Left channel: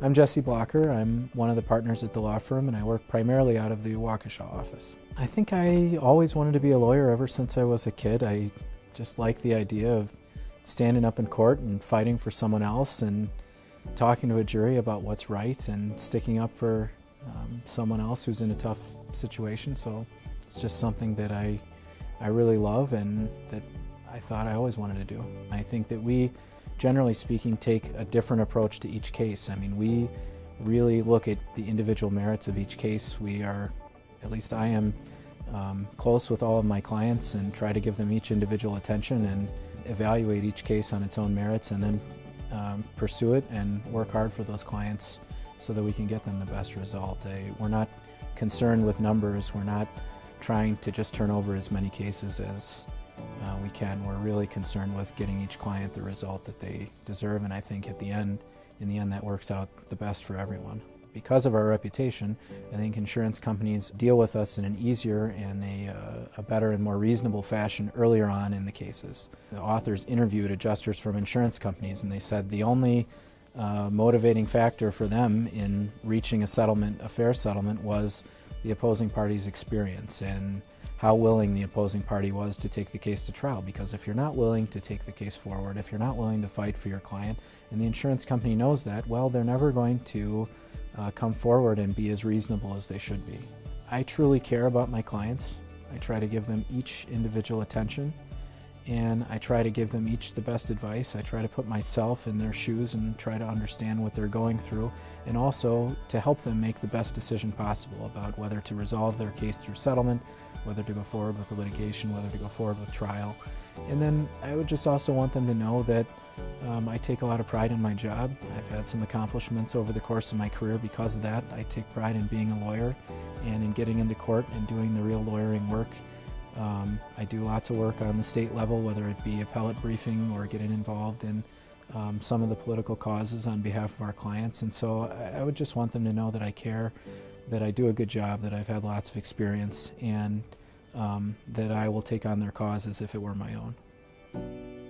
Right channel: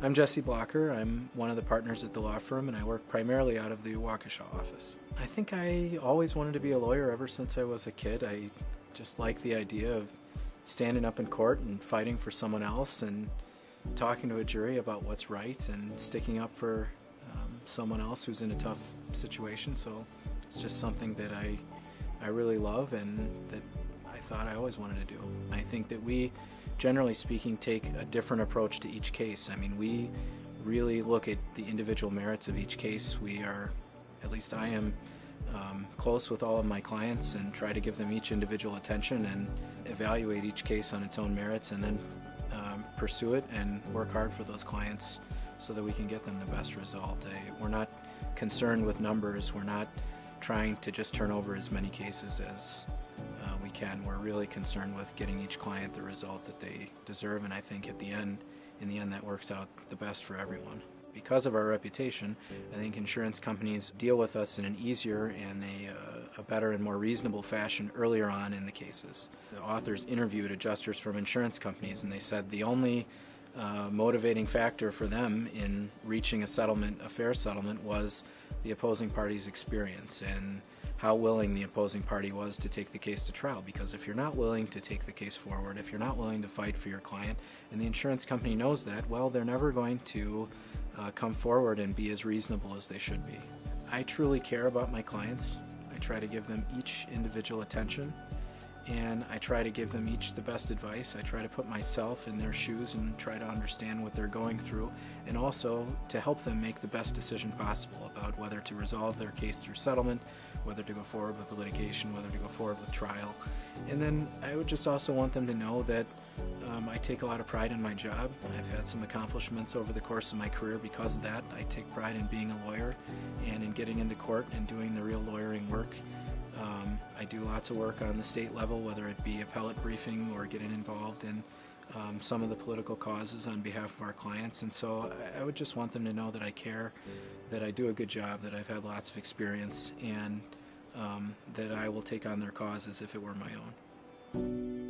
I'm Jesse Blocher. I'm one of the partners at the law firm, and I work primarily out of the Waukesha office. I think I always wanted to be a lawyer ever since I was a kid. I just like the idea of standing up in court and fighting for someone else and talking to a jury about what's right and sticking up for someone else who's in a tough situation. So it's just something that I really love and that I thought I always wanted to do. I think that we, generally speaking, take a different approach to each case. I mean, we really look at the individual merits of each case. We are, at least I am, close with all of my clients and try to give them each individual attention and evaluate each case on its own merits, and then pursue it and work hard for those clients so that we can get them the best result. We're not concerned with numbers. We're not trying to just turn over as many cases as we can. We're really concerned with getting each client the result that they deserve, and I think in the end that works out the best for everyone. Because of our reputation, I think insurance companies deal with us in an easier and a better and more reasonable fashion earlier on in the cases. The authors interviewed adjusters from insurance companies, and they said the only motivating factor for them in reaching a settlement, a fair settlement, was the opposing party's experience and how willing the opposing party was to take the case to trial. Because if you're not willing to take the case forward, if you're not willing to fight for your client, and the insurance company knows that, well, they're never going to come forward and be as reasonable as they should be. I truly care about my clients. I try to give them each individual attention, and I try to give them each the best advice. I try to put myself in their shoes and try to understand what they're going through, and also to help them make the best decision possible about whether to resolve their case through settlement, whether to go forward with the litigation, whether to go forward with trial. And then I would just also want them to know that I take a lot of pride in my job. I've had some accomplishments over the course of my career because of that. I take pride in being a lawyer and in getting into court and doing the real lawyering work. I do lots of work on the state level, whether it be appellate briefing or getting involved in some of the political causes on behalf of our clients. And so I would just want them to know that I care, that I do a good job, that I've had lots of experience, and that I will take on their cause as if it were my own.